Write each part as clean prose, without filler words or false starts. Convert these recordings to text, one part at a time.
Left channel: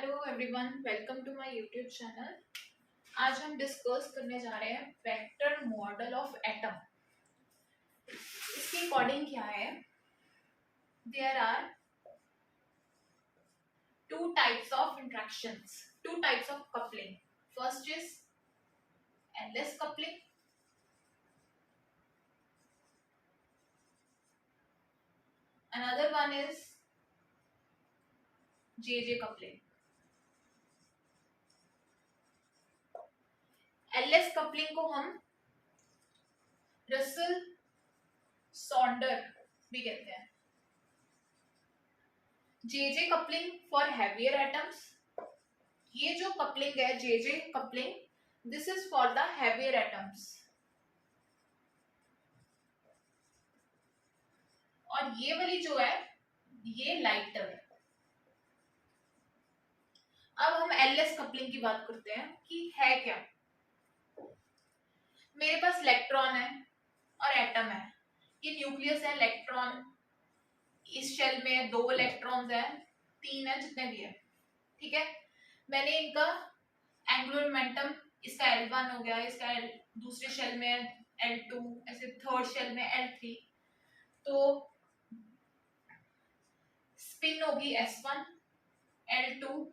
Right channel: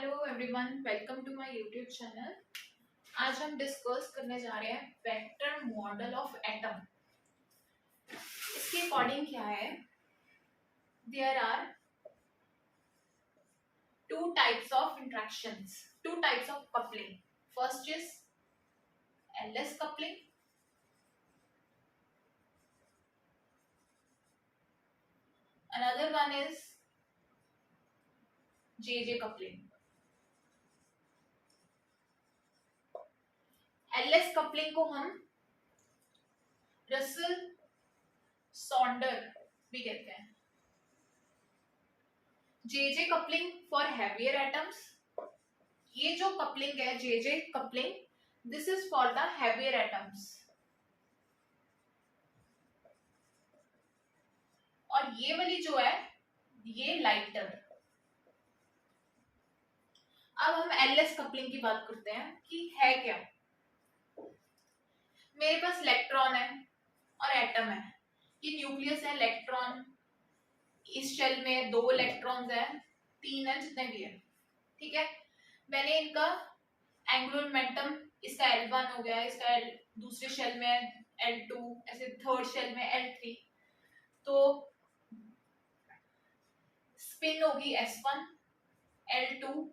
Hello everyone, welcome to my YouTube channel. आज हम discuss करने जा रहे हैं वेक्टर मॉडल ऑफ एटम। इसके अकॉर्डिंग क्या है, there are two types of interactions, two types of coupling. First is LS coupling, another one is JJ coupling. LS coupling को हम रसल सॉन्डर भी कहते हैं। JJ coupling for heavier atoms. ये जो कपलिंग है JJ coupling, this is for the heavier atoms. और ये वाली जो है ये लाइटर। अब हम एलएस कपलिंग की बात करते हैं कि है क्या। मेरे पास इलेक्ट्रॉन है और एटम है, ये न्यूक्लियस है, इलेक्ट्रॉन, इस शेल में 2 इलेक्ट्रॉन्स है, 3 है, जितने भी है, ठीक है। मैंने इनका एंगुलर मोमेंटम, इसका L1 हो गया, इसका दूसरे शेल में L2, ऐसे थर्ड शेल में L3, तो स्पिन होगी S1, L2,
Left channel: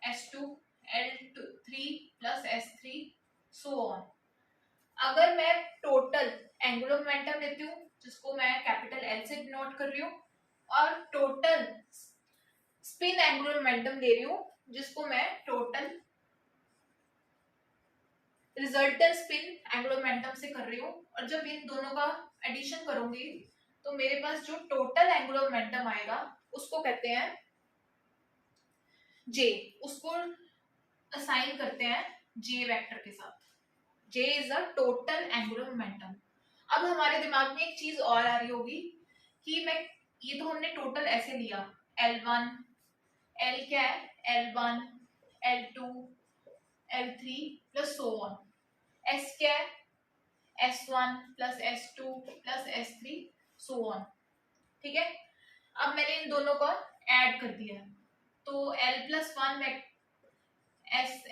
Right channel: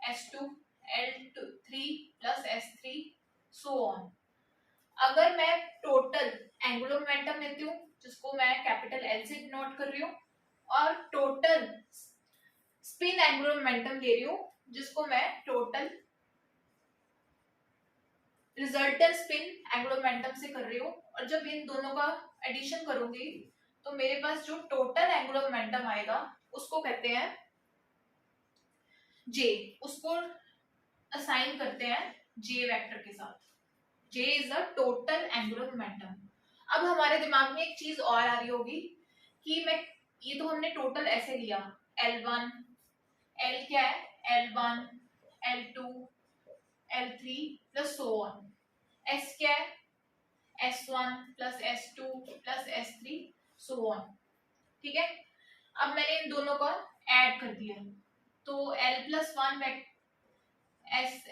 S2, L3 plus S3, so on. अगर मैं टोटल एंगुलर मोमेंटम लेती हूँ, जिसको मैं कैपिटल L से डिनोट कर रही हूँ, और टोटल स्पिन एंगुलर मोमेंटम ले रही हूँ, जिसको मैं total resultant spin angular momentum से कर रही हूँ, और जब इन दोनों का एडिशन करूंगी तो मेरे पास जो टोटल एंगुलर मोमेंटम आएगा उसको कहते हैं जे। उसको असाइन करते हैं जे वेक्टर के साथ। J is the total angular momentum. अब हमारे दिमाग में एक चीज और आ रही होगी कि मैं, ये तो हमने टोटल ऐसे लिया, L1, L क्या है, L1, L2, L3 plus so on, S क्या है, S1 plus S2 plus S3, so on, ठीक है। अब मैंने इन दोनों को ऐड कर दिया, तो L plus 1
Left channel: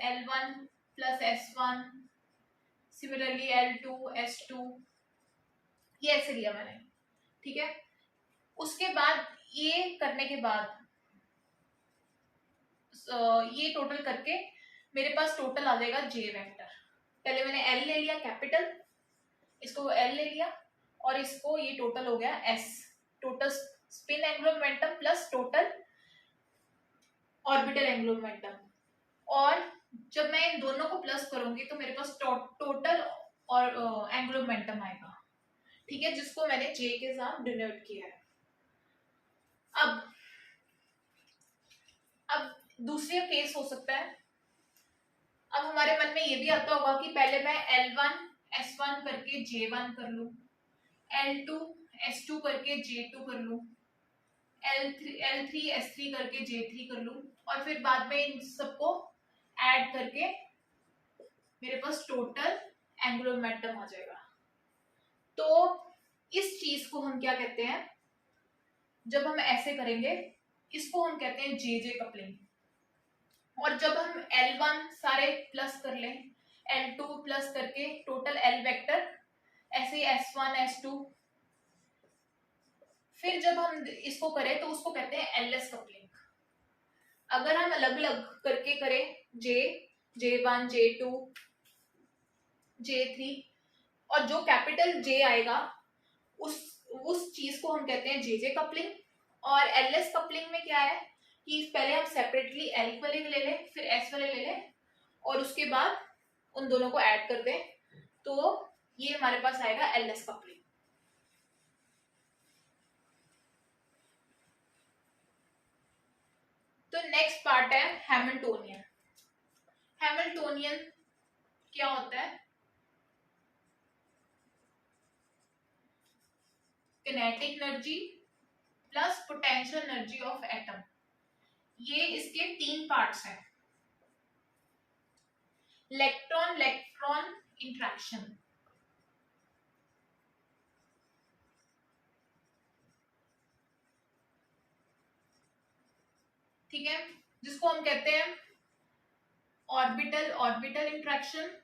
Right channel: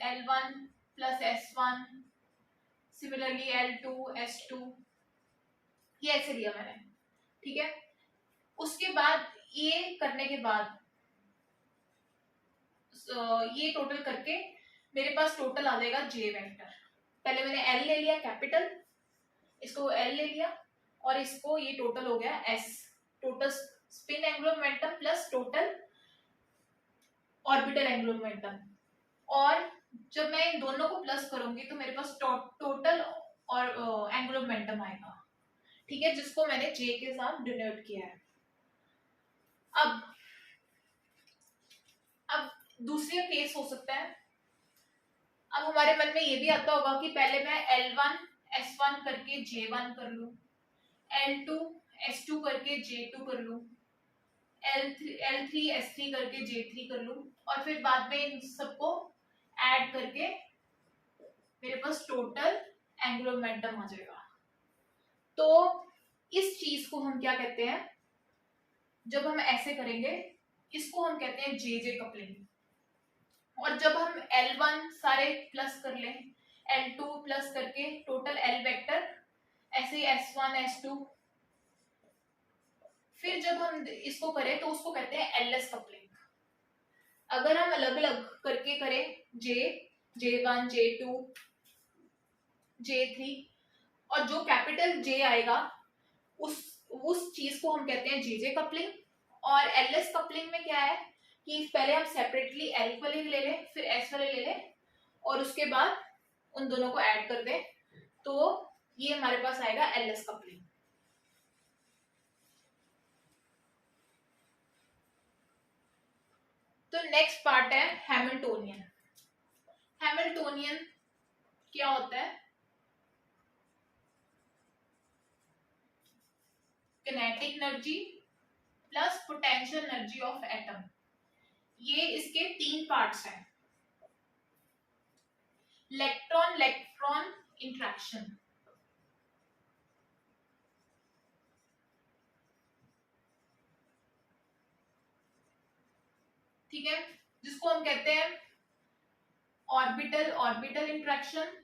L1 plus S1, similarly L2, S2, ये ऐसे लिया मैंने, ठीक है। उसके बाद ये करने के बाद ये टोटल करके मेरे पास टोटल आ जाएगा जे वेक्टर। पहले मैंने L ले लिया कैपिटल, इसको L ले लिया, और इसको ये टोटल हो गया S, total spin angular momentum plus total orbital angular momentum. और जब मैं इन दोनों को प्लस करूंगी तो मेरे पास टोटल और एंगुलर मोमेंटम आएगा, ठीक है, जिसको मैंने जे के साथ डिनोट किया है। अब दूसरी केस हो सकता है, अब हमारे मन में ये भी आता होगा कि पहले मैं L1 S1 करके J1 कर लूं, L2 S2 करके J2 कर लूं, L3 S3 करके J3 कर लूं, और फिर बाद में इन सबको ऐड करके मेरे पास टोटल एंगुलर मोमेंटम आ जाएगा। तो इस चीज को हम क्या कहते हैं, जब हम ऐसे करेंगे इसको हम कहते हैं जेजे कपलिंग। और जब हम L1 सारे प्लस कर लें, L2 प्लस करके टोटल L वेक्टर, ऐसे S1 S2, फिर जब हम इसको करें तो उसको कहते हैं एलएस कपलिंग। अगर हम अलग अलग करके करें J1, J2, J3, और जो कैपिटल J आएगा उस चीज को हम कहते हैं जेजे कपलिंग। और एलएस कपलिंग में क्या है कि पहले हम सेपरेटली L वाले ले लें, फिर S वाले ले लें, और उसके बाद उन दोनों को ऐड कर दें, तो ये हमारे पास आएगा एलएस कपलिंग। तो नेक्स्ट पार्ट है हैमिल्टोनियन। हैमिल्टोनियन क्या होता है, kinetic energy plus potential energy of atom. ये इसके 3 पार्ट्स हैं। इलेक्ट्रॉन इलेक्ट्रॉन इंटरेक्शन, ठीक है, जिसको हम कहते हैं ऑर्बिटल ऑर्बिटल इंट्रैक्शन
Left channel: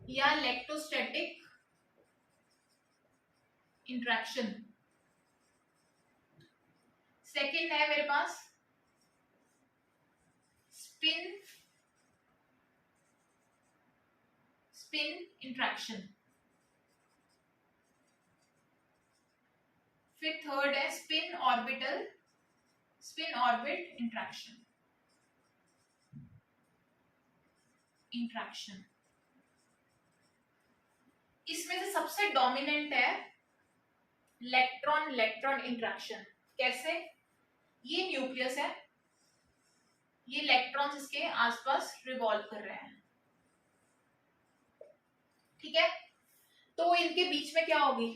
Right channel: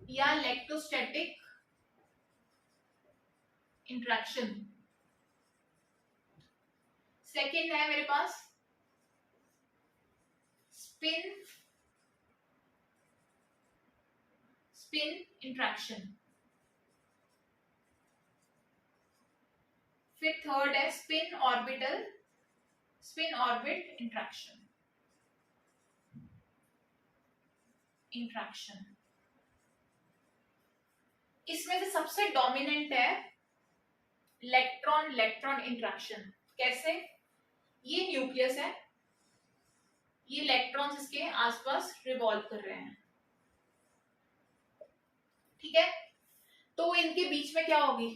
या इलेक्ट्रोस्टैटिक इंट्रैक्शन। सेकंड है मेरे पास स्पिन स्पिन इंट्रैक्शन। फिर थर्ड है स्पिन ऑर्बिट इंट्रैक्शन। इसमें से सबसे डोमिनेंट है इलेक्ट्रॉन इलेक्ट्रॉन इंट्रैक्शन। कैसे? ये न्यूक्लियस है, ये इलेक्ट्रॉन्स इसके आसपास रिवॉल्व कर रहे हैं, ठीक है। तो इनके बीच में क्या होगी,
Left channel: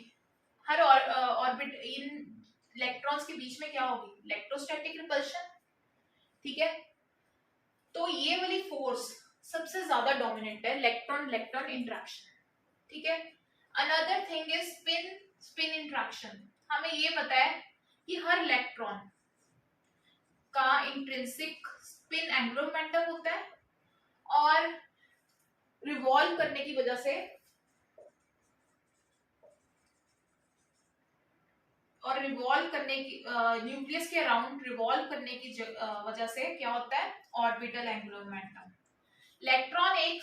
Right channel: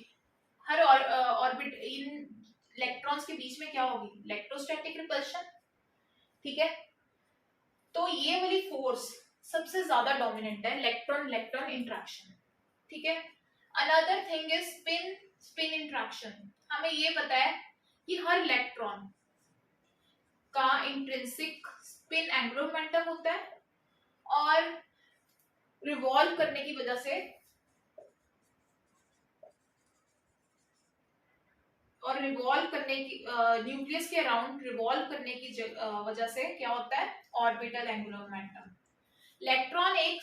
हर ऑर्बिट इन इलेक्ट्रॉन्स के बीच में क्या होगी, इलेक्ट्रोस्टैटिक रिपल्शन, ठीक है। तो ये वाली फोर्स सबसे ज्यादा डोमिनेंट है, इलेक्ट्रॉन इलेक्ट्रॉन इंट्रैक्शन, ठीक है। Another thing is spin spin interaction. हमें ये पता है कि हर इलेक्ट्रॉन का इंट्रिंसिक स्पिन एंगुलर मोमेंटम होता है और रिवॉल्व करने की वजह से न्यूक्लियस के अराउंड रिवॉल्व करने की वजह से क्या होता है, ऑर्बिटल एंगुलर मोमेंटम। इलेक्ट्रॉन एक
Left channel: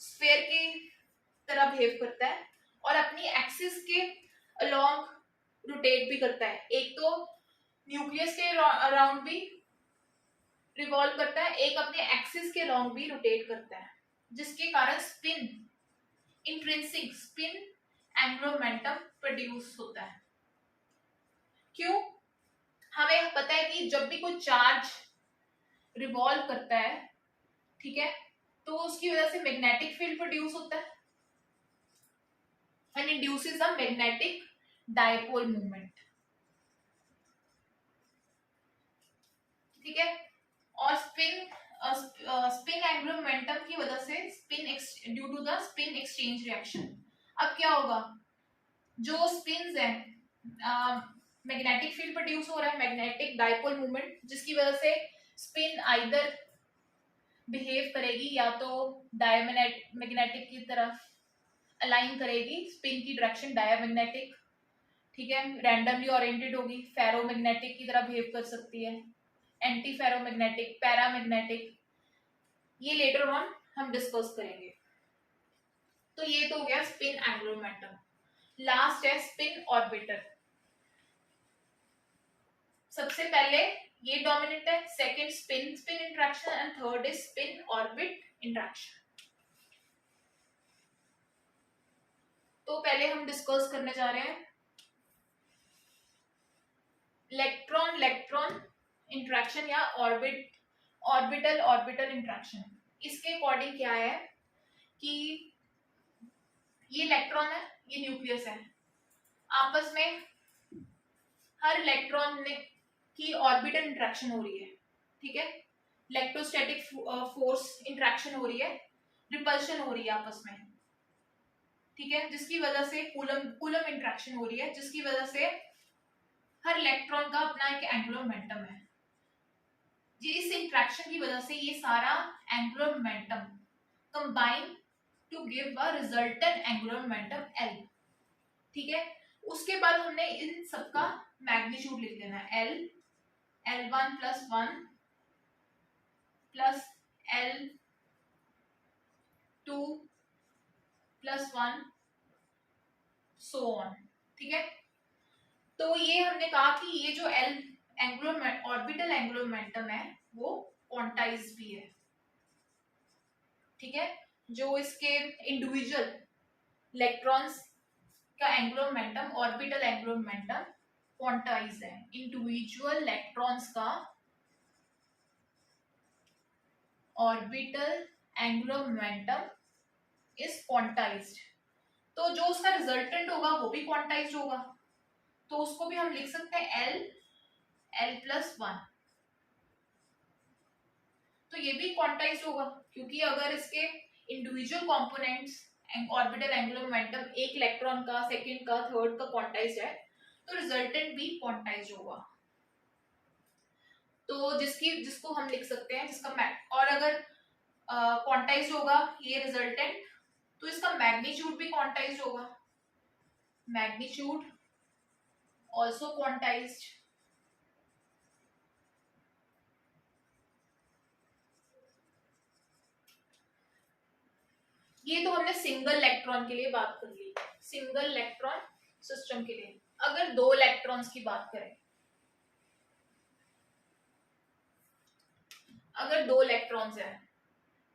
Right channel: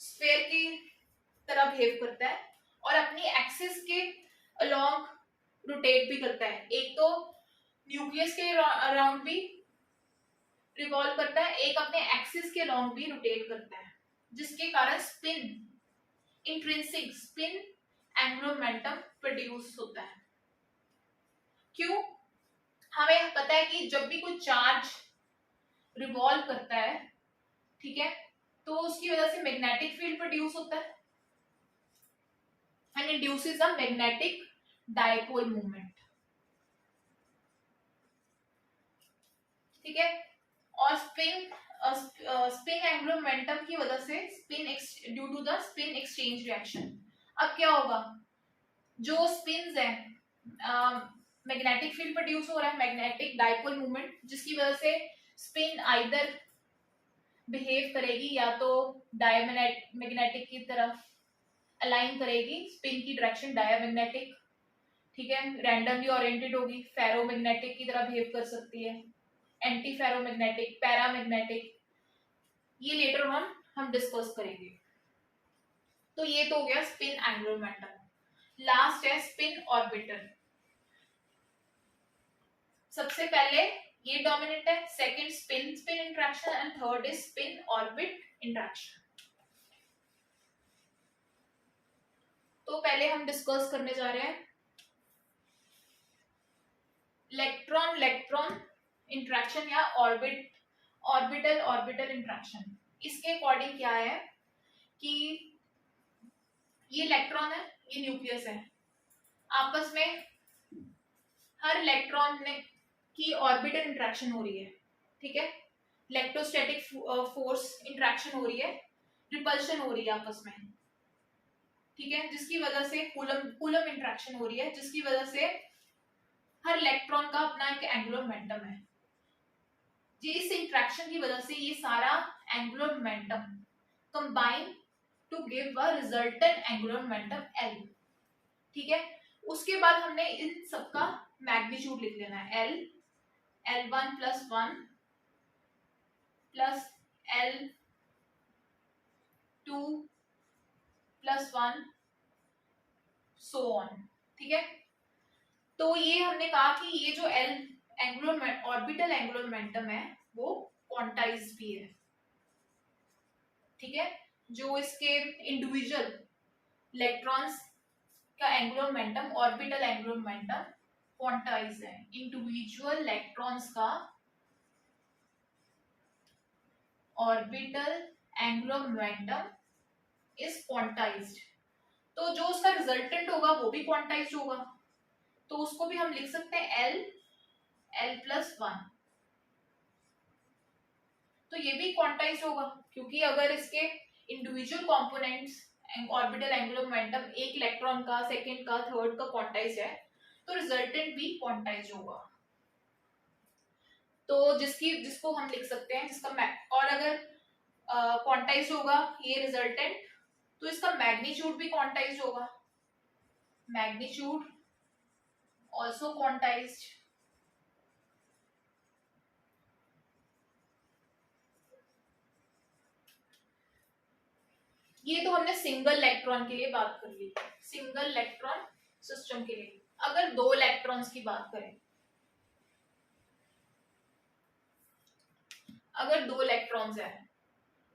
स्फेयर की तरह बिहेव करता है और अपनी एक्सिस के अलोंग रोटेट भी करता है। एक तो न्यूक्लियस के अराउंड भी रिवॉल्व करता है, एक अपने एक्सिस के अलोंग भी रोटेट करता है, जिसके कारण spin intrinsic spin angular momentum produce होता है। क्यों? हमें पता है कि जब भी कोई चार्ज रिवॉल्व करता है, ठीक है, तो उसकी वजह से मैग्नेटिक फील्ड प्रोड्यूस होता है and induces a magnetic dipole movement, ठीक है। और स्पिन एंगुलर मोमेंटम की वजह से due to the spin exchange reaction, अब क्या होगा, जो स्पिन्स है मैग्नेटिक फील्ड प्रोड्यूस हो रहा है, मैग्नेटिक डायपोल मूवमेंट, जिसकी वजह से स्पिन आइदर बिहेव करेगी या तो डायमैग्नेटिक की तरफ अलाइन करेगी, स्पिन की डायरेक्शन डायमैग्नेटिक, ठीक है, रैंडमली ओरिएंटेड होगी, फेरोमैग्नेटिक की तरह बिहेव कर सकती है, एंटी फेरोमैग्नेटिक, पैरामैग्नेटिक, ये लेटर ऑन हम डिस्कस करेंगे। तो ये तो हो गया स्पिन एंगुलर मोमेंटम। लास्ट है स्पिन ऑर्बिटर। सबसे पहले ये डोमिनेंट है, second spin spin interaction and third is spin orbit interaction. तो पहले हम डिस्कस करने जा रहे हैं इलेक्ट्रॉन इलेक्ट्रॉन इंट्रैक्शन या ऑर्बिटल ऑर्बिटल इंट्रैक्शन। इसके अकॉर्डिंग क्या है कि ये इलेक्ट्रॉन है, ये न्यूक्लियस है, आपस में हर इलेक्ट्रॉन की ऑर्बिटल इंट्रैक्शन हो रही है, ठीक है, इलेक्ट्रोस्टैटिक फोर्स इंट्रैक्शन हो रही है, रिपल्शन हो रही है आपस में, ठीक है, जिसकी वजह से कूलम इंट्रैक्शन हो रही है, जिसकी वजह से हर इलेक्ट्रॉन का अपना एक एंगुलर मोमेंटम है। इस इंट्रैक्शन की वजह से ये सारा angular momentum combine to give a resultant angular momentum L, ठीक है। उसके बाद हमने इन सबका मैग्नीट्यूड लिख देना है, L1 + 1 plus L2 + 1 so on, ठीक है। तो ये हमने कहा कि ये जो ऑर्बिटल एंगुलर मोमेंटम है वो क्वांटाइज्ड भी है, ठीक है। जो इसके इंडिविजुअल इलेक्ट्रॉन्स का angular momentum, orbital angular momentum quantized है, इंडिविजुअल इलेक्ट्रॉन्स का orbital angular momentum is quantized. तो जो उसका रिजल्टेंट होगा वो भी क्वांटाइज्ड होगा, तो उसको भी हम लिख सकते हैं L+1। तो ये भी क्वांटाइज्ड होगा क्योंकि अगर इसके individual components orbital angular momentum एक इलेक्ट्रॉन का, सेकंड का, थर्ड का क्वांटाइज्ड है, तो रिजल्टेंट भी क्वांटाइज्ड होगा। तो जिसको हम लिख सकते हैं जिसका और अगर क्वांटाइज्ड होगा ये रिजल्टेंट, तो इसका मैग्नीट्यूड भी क्वांटाइज्ड होगा, मैग्नीट्यूड आल्सो क्वांटाइज्ड। ये तो हमने सिंगल इलेक्ट्रॉन के लिए बात कर ली, सिंगल इलेक्ट्रॉन सिस्टम के लिए। अगर दो इलेक्ट्रॉन्स की बात करें, अगर दो इलेक्ट्रॉन्स है,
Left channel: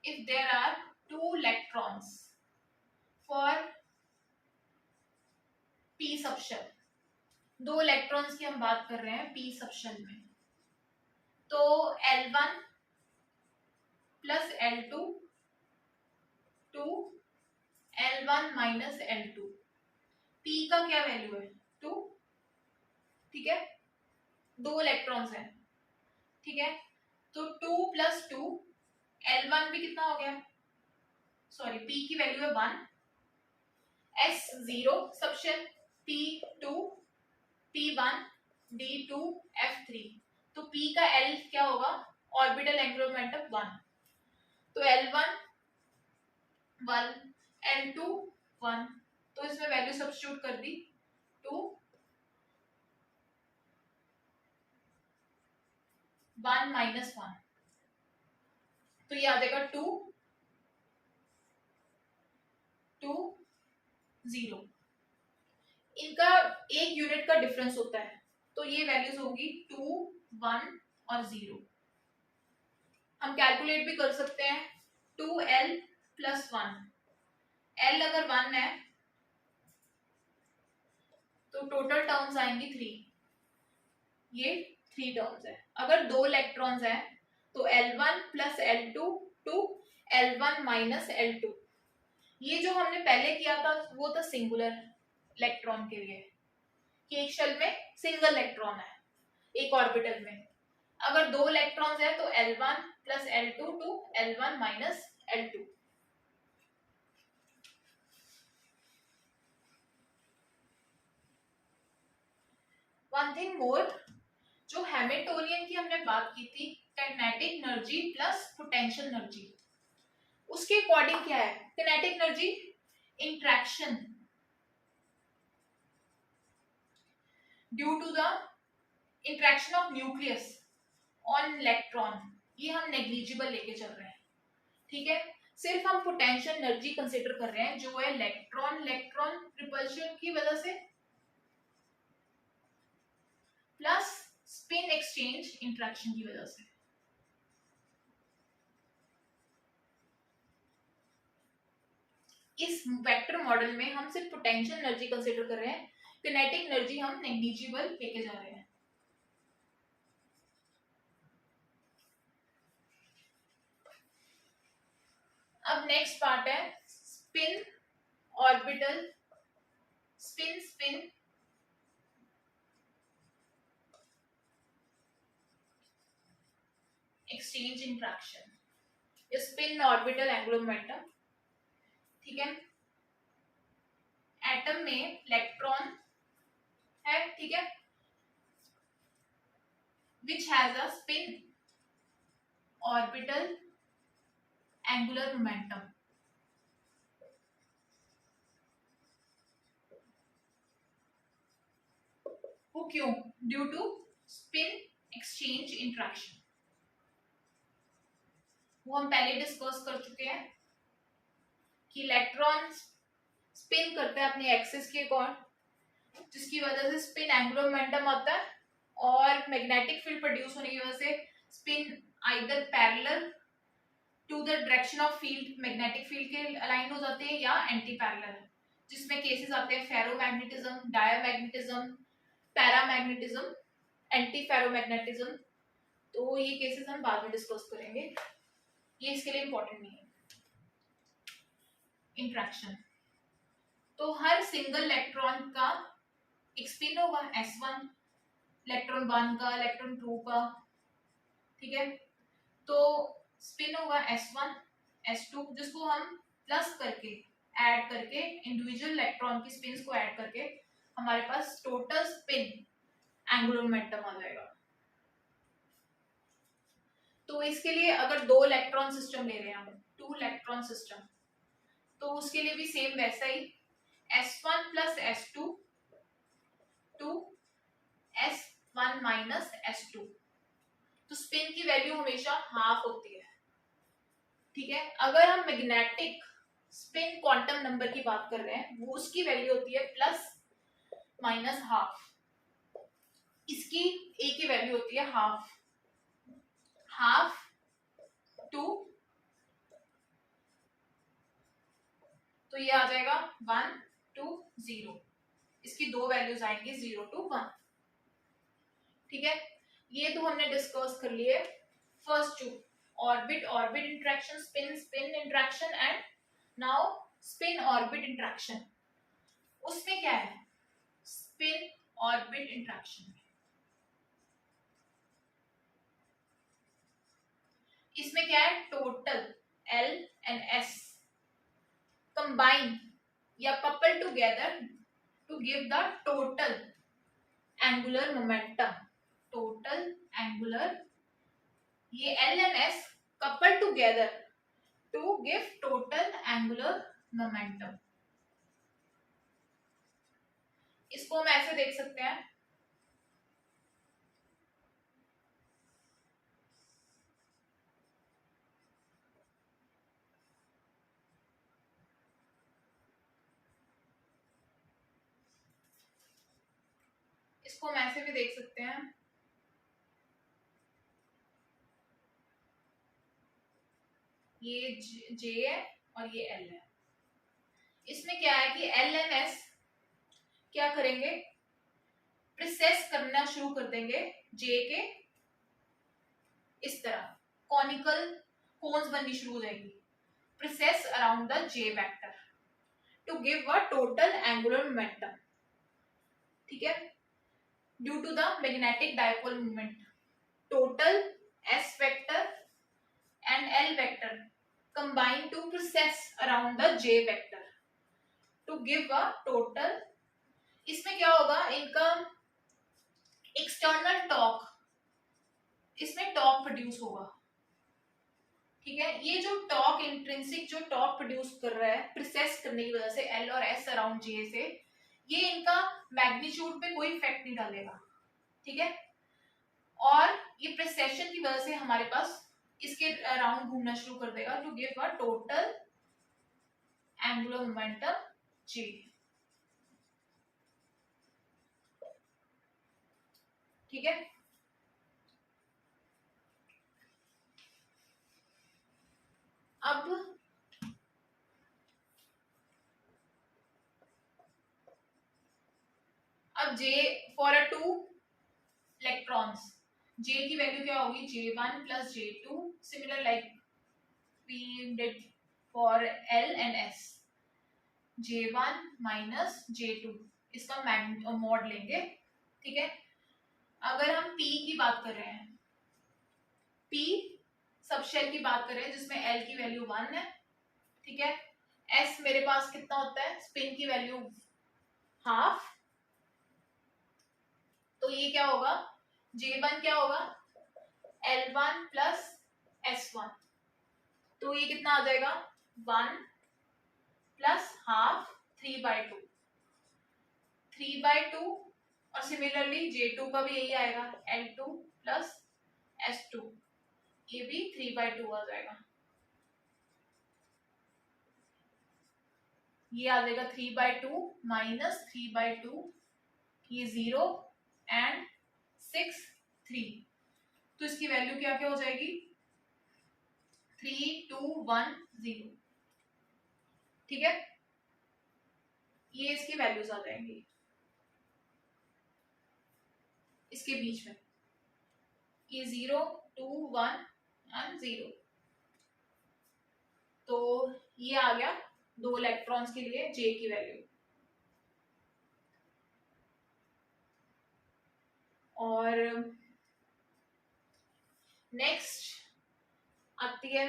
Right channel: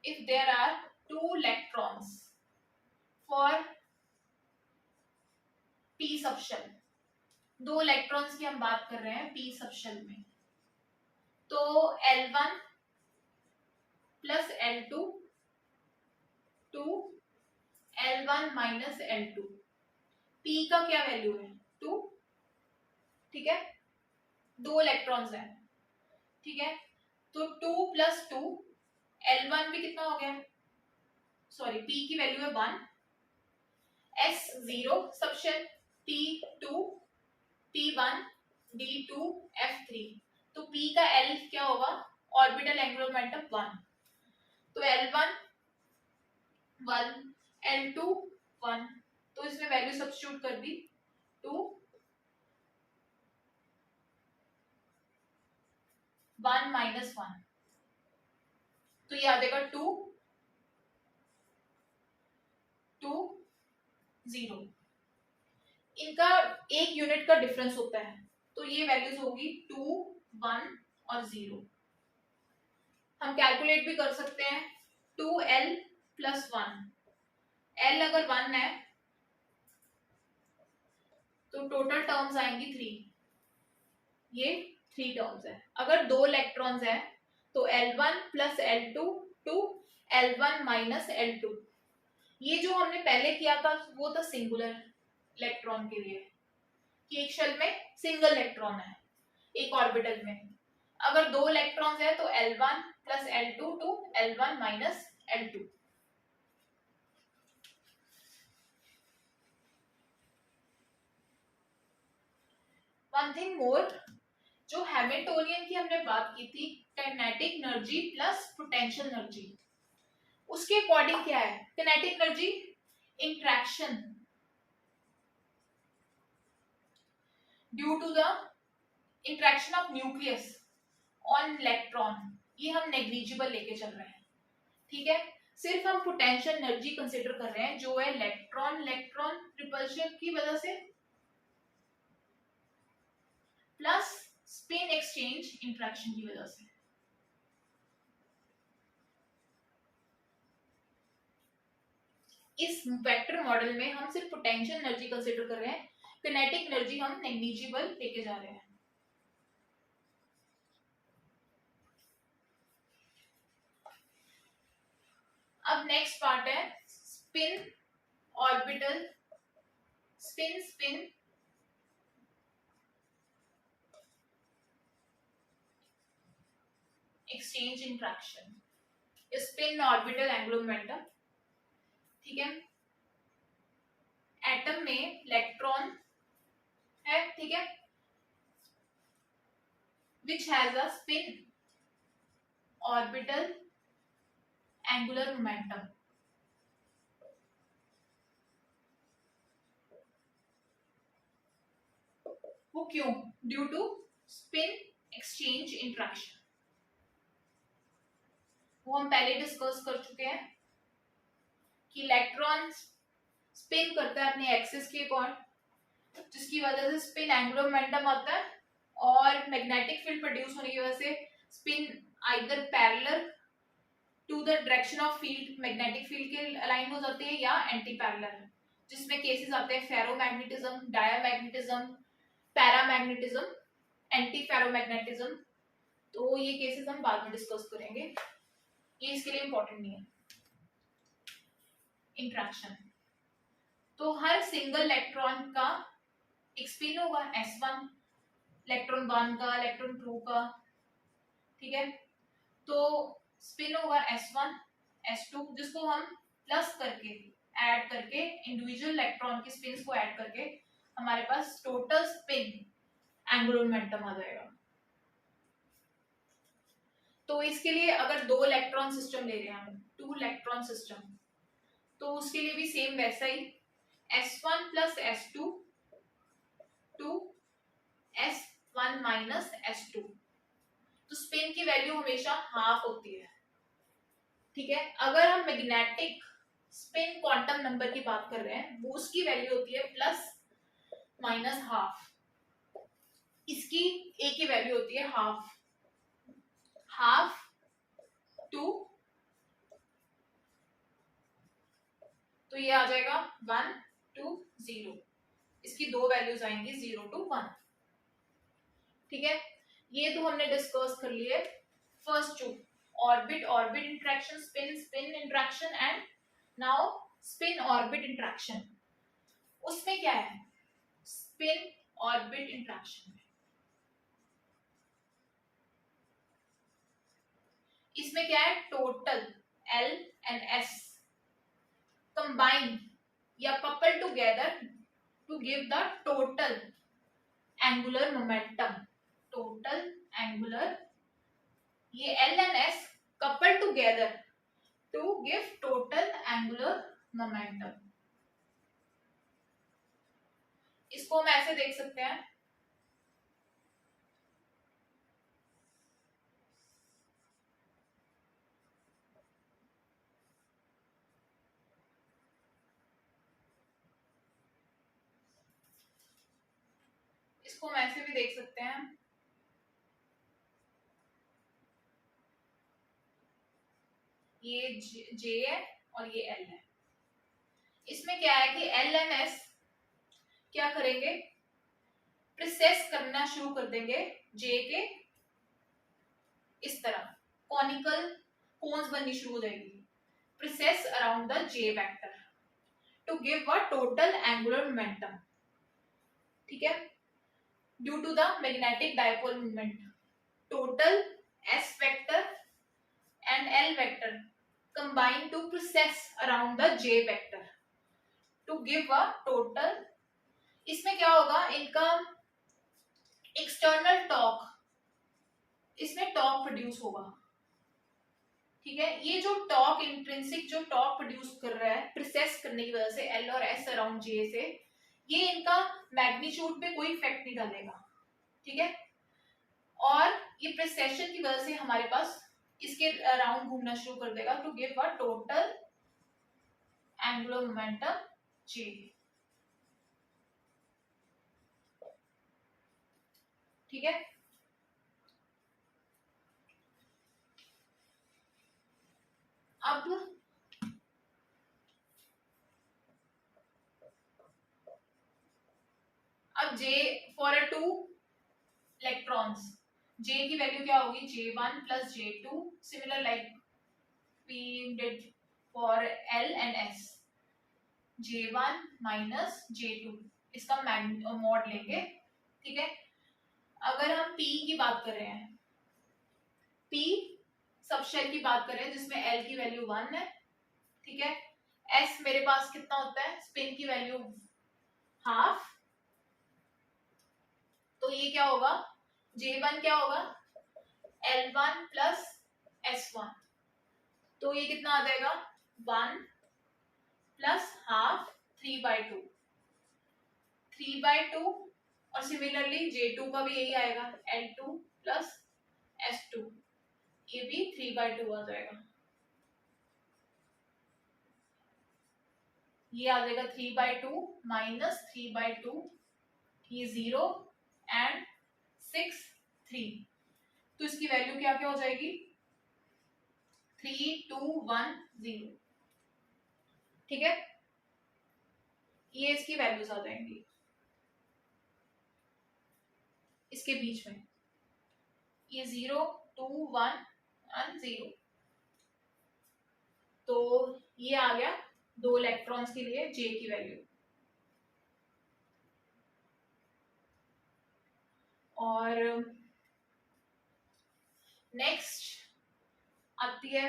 if there are two electrons for P subshell, दो इलेक्ट्रॉन्स की हम बात कर रहे हैं पी सबशेल में, तो L1 plus L2 to L1 minus L2, P का क्या वैल्यू है 2, ठीक है, दो इलेक्ट्रॉन्स हैं, ठीक है, तो 2 प्लस 2, L1 भी कितना हो गया, सॉरी P की वैल्यू है 1, S0 subshell, P2 P1 D2 F3, तो P का L क्या होगा, ऑर्बिटल एंगुलर मोमेंटम 1, तो L1 1, L2 1, तो इसमें वैल्यू सब्स्टिट्यूट कर दी 2 1 माइनस 1, तो ये आ जाएगा 2 2 0। इनका एक यूनिट का डिफरेंस होता है, तो ये वैल्यूज होगी 2 1 और 0। हम कैलकुलेट भी कर सकते हैं, 2L प्लस 1, L अगर 1 है तो टोटल टर्म्स आएंगी 3, ये 3 टर्म्स है। अगर दो इलेक्ट्रॉन्स हैं तो L1 plus L2 to L1 minus L2, ये जो हमने पहले किया था वो था सिंगुलर इलेक्ट्रॉन के लिए, कि एक शेल में सिंगल इलेक्ट्रॉन है एक ऑर्बिटल में। अगर दो इलेक्ट्रॉन्स है तो L1 plus L2 to L1 minus L2। One thing more, जो हैमिल्टोनियन की हमने बात की थी, kinetic energy plus potential energy, उसके अकॉर्डिंग क्या है, kinetic energy interaction due to the interaction of nucleus on electron, ये हम नेग्लिजिबल लेके चल रहे हैं, ठीक है। सिर्फ हम पोटेंशियल एनर्जी कंसीडर कर रहे हैं जो है इलेक्ट्रॉन इलेक्ट्रॉन रिपल्शन की वजह से प्लस स्पिन एक्सचेंज इंट्रैक्शन की वजह से। इस वेक्टर मॉडल में हम सिर्फ पोटेंशियल एनर्जी कंसीडर कर रहे हैं, काइनेटिक एनर्जी हम नेग्लिजिबल लेके जा रहे हैं। अब नेक्स्ट पार्ट है spin orbital, spin spin exchange interaction, spin orbital angular momentum, ठीक है। एटम में इलेक्ट्रॉन है, ठीक है, which has a spin orbital angular momentum, वो क्यों, due to spin exchange interaction, वो हम पहले डिस्कस कर चुके हैं कि इलेक्ट्रॉन स्पिन करता है अपने एक्सिस के अकॉर्डिंग, जिसकी वजह से स्पिन एंगुलर मोमेंटम आता है, और मैग्नेटिक फील्ड प्रोड्यूस होने की वजह से spin either parallel to the direction of field, magnetic field के अलाइन हो जाते हैं, या एंटी पैरेलल, जिसमें केसेस आते हैं ferromagnetism, diamagnetism, paramagnetism, anti ferromagnetism. तो ये केसेस हम बाद में डिस्कस करेंगे, ये इसके लिए इंपॉर्टेंट नहीं है। इंट्रैक्शन, तो हर सिंगल इलेक्ट्रॉन का एक स्पिन होगा S1, इलेक्ट्रॉन 1 का, इलेक्ट्रॉन 2 का, ठीक है, तो स्पिन होगा S1 S2, जिसको हम प्लस करके ऐड करके, इंडिविजुअल इलेक्ट्रॉन की स्पिन्स को ऐड करके हमारे पास टोटल स्पिन एंगुलर मोमेंटम आ जाएगा। तो इसके लिए अगर 2 इलेक्ट्रॉन सिस्टम ले रहे हैं हम, 2 इलेक्ट्रॉन सिस्टम, तो उसके लिए भी सेम वैसा ही S1 plus S2 to S1 minus S2। तो स्पिन की वैल्यू हमेशा हाफ होती है, ठीक है। अगर हम मैग्नेटिक स्पिन क्वांटम नंबर की बात कर रहे हैं, वो उसकी वैल्यू होती है प्लस माइनस हाफ। इसकी ए की वैल्यू होती है हाफ, हाफ टू, तो ये आ जाएगा 1 to 0। इसकी 2 वैल्यूज आएंगी 0 to 1, ठीक है। ये तो हमने डिस्कस कर लिए first 2, orbit orbit interaction, spin spin interaction, and now spin orbit interaction. उसमें क्या है, स्पिन ऑर्बिट इंटरेक्शन, इसमें क्या है, total L and S combine या couple together to give the total angular momentum. Total angular, ये L and S couple together to give total angular momentum. इसको हम ऐसे देख सकते हैं, इसको हम ऐसे भी देख सकते हैं, ये J है और ये L है। इसमें क्या है कि L एंड S क्या करेंगे, प्रोसेस करना शुरू कर देंगे J के इस तरह, कॉनिकल कोन्स बननी शुरू हो जाएगी, process around the J vector to give a total angular momentum, ठीक है। Due to the magnetic dipole moment, total S vector and L vector combine to process around the J vector to give a total। इसमें क्या होगा, इनका external torque, इसमें torque produce होगा, ठीक है। ये जो टॉर्क, इंट्रिंसिक जो टॉर्क प्रोड्यूस कर रहा है प्रोसेस करने की वजह से L और S अराउंड J से, ये इनका मैग्नीट्यूड पे कोई इफेक्ट नहीं डालेगा, ठीक है। और ये प्रोसेशन की वजह से हमारे पास इसके अराउंड घूमना शुरू कर देगा to give a total angular momentum J, ठीक है। अब J for a 2 electrons, J की वैल्यू क्या होगी, J1 plus J2, similar like we did for L and S, J1 minus J2, इसका मॉड लेंगे, ठीक है। अगर हम P की बात कर रहे हैं, P सबशेल की बात कर रहे हैं जिसमें L की वैल्यू 1 है, ठीक है। S मेरे पास कितना होता है, स्पिन की वैल्यू हाफ, तो ये क्या होगा, J1 क्या होगा, L1 प्लस S1, तो ये कितना आ जाएगा, 1 प्लस हाफ 3/2, 3/2, और सिमिलरली J2 का भी यही आएगा, L2 प्लस S2, ये भी 3/2 आ जाएगा, ये आ जाएगा 3/2 माइनस 3/2, ये 0 एंड 6 3, तो इसकी वैल्यू क्या क्या हो जाएगी, 3 2 1 0, ठीक है। ये इसकी वैल्यूज आ जाएंगी इसके बीच में, ये 0 2 1 एंड 0, तो ये आ गया 2 इलेक्ट्रॉन्स के लिए J की वैल्यू। और नेक्स्ट आती है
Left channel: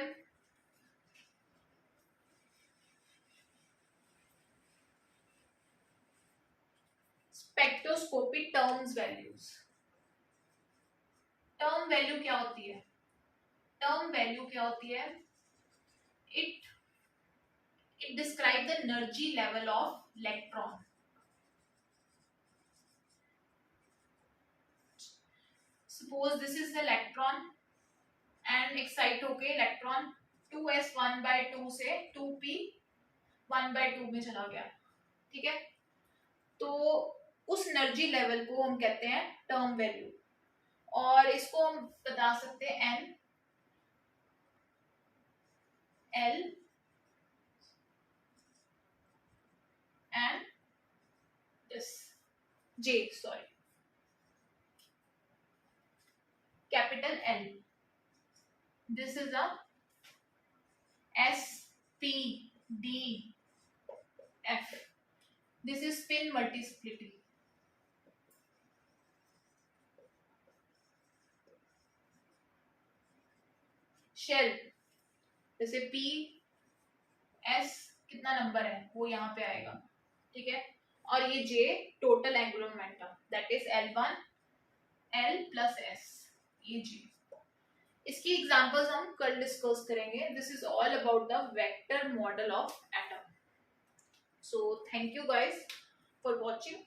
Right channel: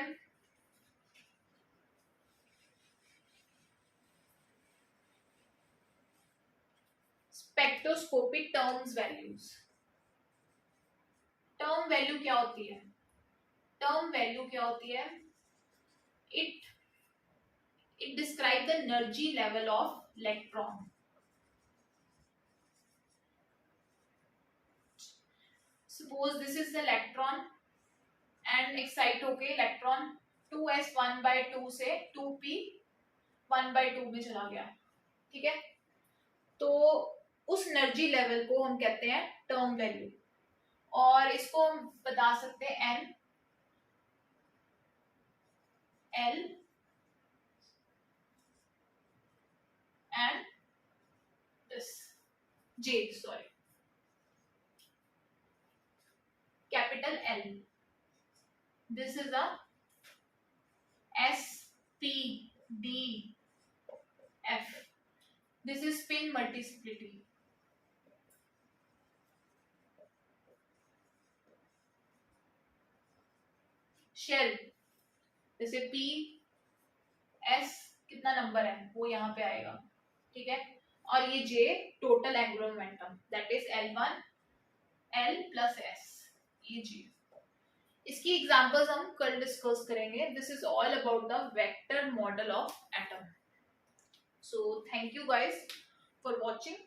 spectroscopic terms values. Term value क्या होती है? टर्म वैल्यू क्या होती है? It describe the energy level of electron. Suppose this is the electron and excite होके इलेक्ट्रॉन 2s 1/2 से 2p 1/2 में चला गया, ठीक है? तो उस एनर्जी लेवल को हम कहते हैं टर्म वैल्यू, और इसको हम बता सकते हैं n, l and this j, sorry, capital L. This is a S, P, D, F. This is spin multiplicity. Shell, जैसे P, S कितना नंबर है वो यहाँ पे आएगा, ठीक है? और ये J total angular momentum, that is L1 L plus S, ये G. इसकी एग्जांपल्स हम कल डिस्कस करेंगे. This is all about the vector model of atom. So thank you guys for watching.